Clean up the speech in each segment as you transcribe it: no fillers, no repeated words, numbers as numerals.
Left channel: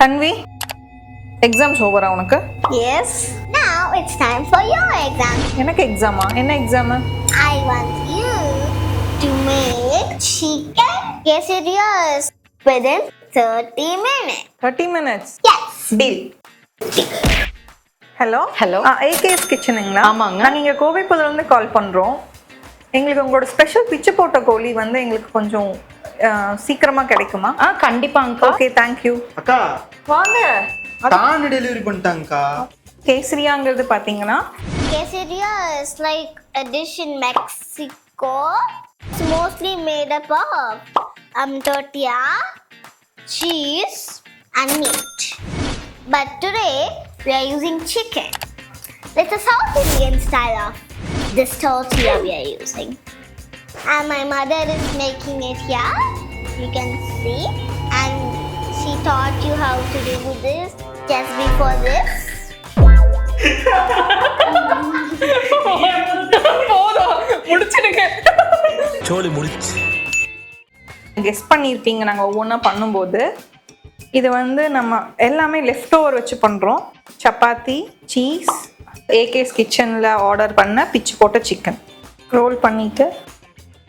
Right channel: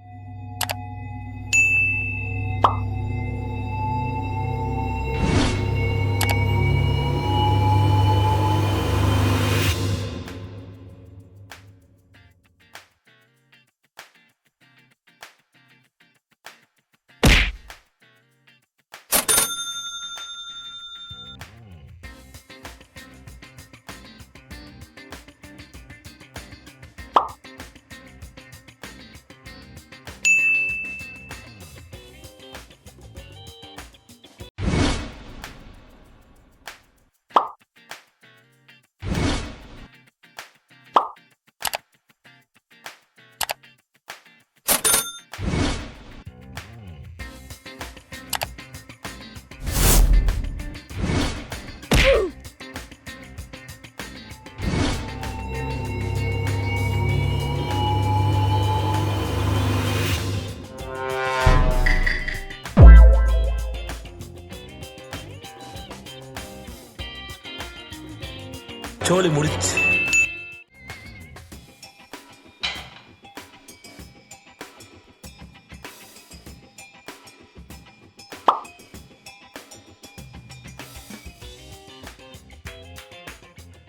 Tanvi, exams over உனக்கு? Yes. Now it's time for your exam. எனக்கு எக்ஸாமா? என்ன exam? I want you to make chicken quesadillas within 30 minutes. 30 minutes. Yes. Deal. Hello AK's கிச்சனுங்களா? ஆமாங்க. நாங்கள் இங்கே கோவைப்புதூர்லேருந்து கால் பண்ணுறோம். எங்களுக்கு உங்களோட ஸ்பெஷல் பிச்சு போட்ட கோழி வந்து எங்களுக்கு கொஞ்சம் சீக்கிரமா கிடைக்குமா? கண்டிப்பாங்க. Okay, thank you. அக்கா வாங்க. டான் டெலிவரி பண்ணிட்டாங்கக்கா. கேசரியாங்கிறது பார்த்தீங்கன்னா Quesadilla is like a dish in Mexico. It's mostly made up of tortilla, cheese and meat. But today we are using chicken. It's a South Indian style of this tortilla we are using. And my mother is making it here. You can see. And she taught you how to do this just before this. சோலி முடிச்சு. கெஸ் பண்ணியிருப்பீங்க நாங்கள் ஒவ்வொன்றா பண்ணும்போது. இது வந்து நம்ம எல்லாமே left over வச்சு பண்ணுறோம். சப்பாத்தி, சீஸ், AK's கிச்சனில் ஆர்டர் பண்ண பிச்சு போட்ட சிக்கன் ரோல் பண்ணிவிட்டு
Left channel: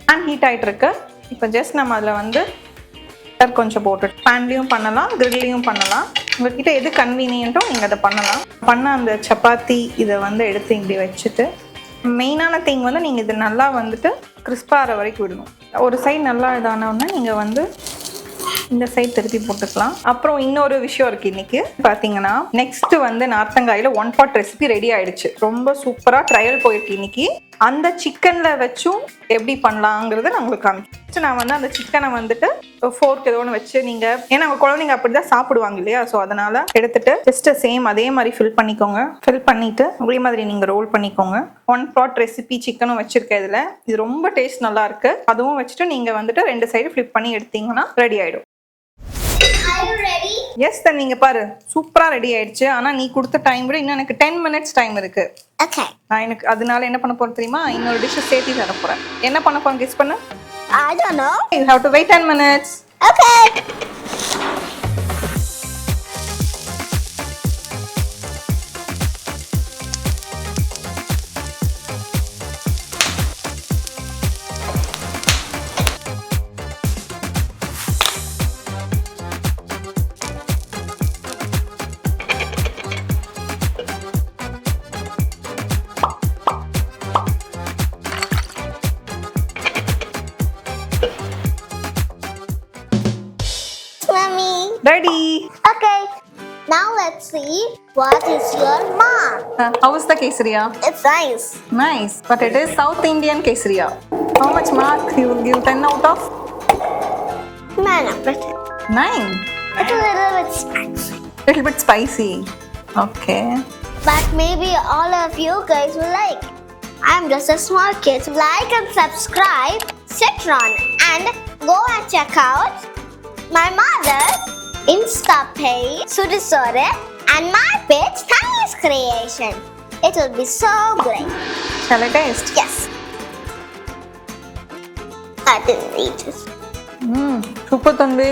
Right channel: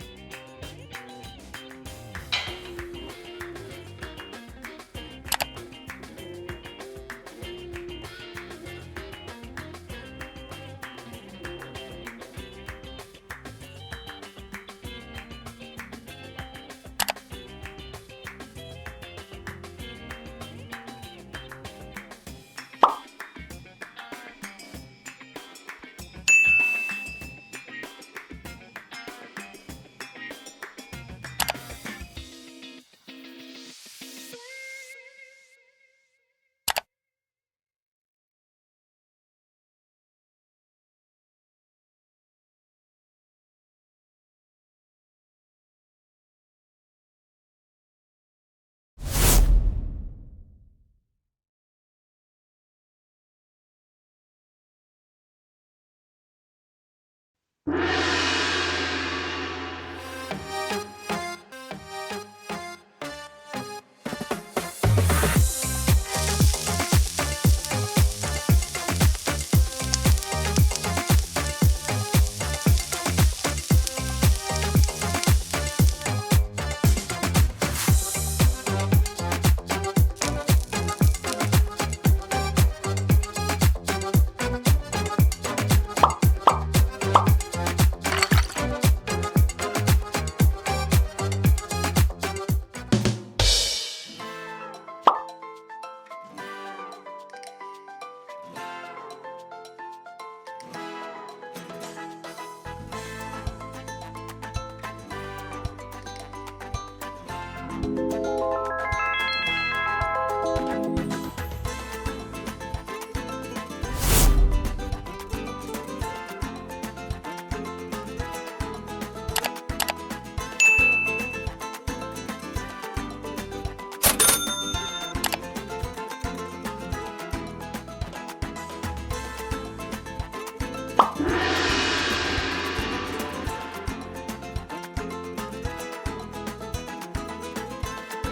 பேன் ஹீட் ஆகிட்டுருக்கு. இப்போ ஜஸ்ட் நம்ம அதில் வந்து கொஞ்சம் போட்டு பேன்லேயும் பண்ணலாம், கிரில்லையும் பண்ணலாம். உங்கள்கிட்ட எது கன்வீனியன்ட்டோ நீங்கள் அதை பண்ணலாம். பண்ண அந்த சப்பாத்தி இதை வந்து எடுத்து இப்படி வச்சுட்டு மெயினான திங் வந்து நீங்கள் இது நல்லா வந்துட்டு கிறிஸ்பாகிற வரைக்கும் விடணும். ஒரு சைடு நல்லா இதானோன்னா நீங்கள் வந்து இந்த சைடு திருப்பி போட்டுக்கலாம். அப்புறம் இன்னொரு விஷயம் இருக்குது. இன்னைக்கு பார்த்தீங்கன்னா நெக்ஸ்ட் வந்து நார்த்தங்காயில் 1 pot ரெசிபி ரெடி ஆயிடுச்சு. ரொம்ப சூப்பராக ட்ரையல் போயிருக்கு இன்னைக்கு. அந்த சிக்கனில் வச்சும் எப்படி பண்ணலாங்கிறத நான் உங்களுக்கு காமிக்கிறேன். நான் வந்து அந்த சிக்கனை வந்துட்டு ஃபோர்க் ஏதோ ஒன்று வச்சு நீங்கள், ஏன்னா அவங்க குழந்தைங்க அப்படி தான் சாப்பிடுவாங்க இல்லையா, ஸோ அதனால் எடுத்துட்டு ஜஸ்ட் சேம் அதே மாதிரி ஃபில் பண்ணிக்கோங்க. ஃபில் பண்ணிவிட்டு அதே மாதிரி நீங்கள் ரோல் பண்ணிக்கோங்க. 1 pot ரெசிபி சிக்கனும் வச்சுருக்கேன் இதில். இது ரொம்ப டேஸ்ட் நல்லா இருக்குது. அதுவும் வச்சுட்டு நீங்கள் வந்துட்டு 2 சைடு ஃப்ளிப் பண்ணி எடுத்தீங்கன்னா ரெடி ஆகிடும். எஸ் தான், நீங்க பாரு சூப்பரா ரெடி ஆயிடுச்சு. ஆனா நீ கொடுத்த டைம் விட இன்னும் எனக்கு 10 minutes டைம் இருக்கு. Okay. நான் எனக்கு அதனால என்ன பண்ண போறேன் தெரியுமா, இன்னொரு டிஷ் சேர்த்து தர போறேன். என்ன பண்ண போறேன் கெஸ் பண்ணு. I don't know. You have to wait 10 minutes. Okay. Ready. Okay. Now let's see what is your mark. How is the quesadilla? It's nice. Nice, but it is South Indian quesadilla. How much mark you will give? 10 out of 9. 9. It's a little bit spicy. Little bit spicy. Okay. But maybe all of you guys will like. I'm just a small kid. Like and subscribe, Citron, and go and check out my mother's Insta page, Sudisore, and my page, Tanvi's Creation. It will be so great. Shall I taste? Yes. I didn't eat it. Super Tanvi.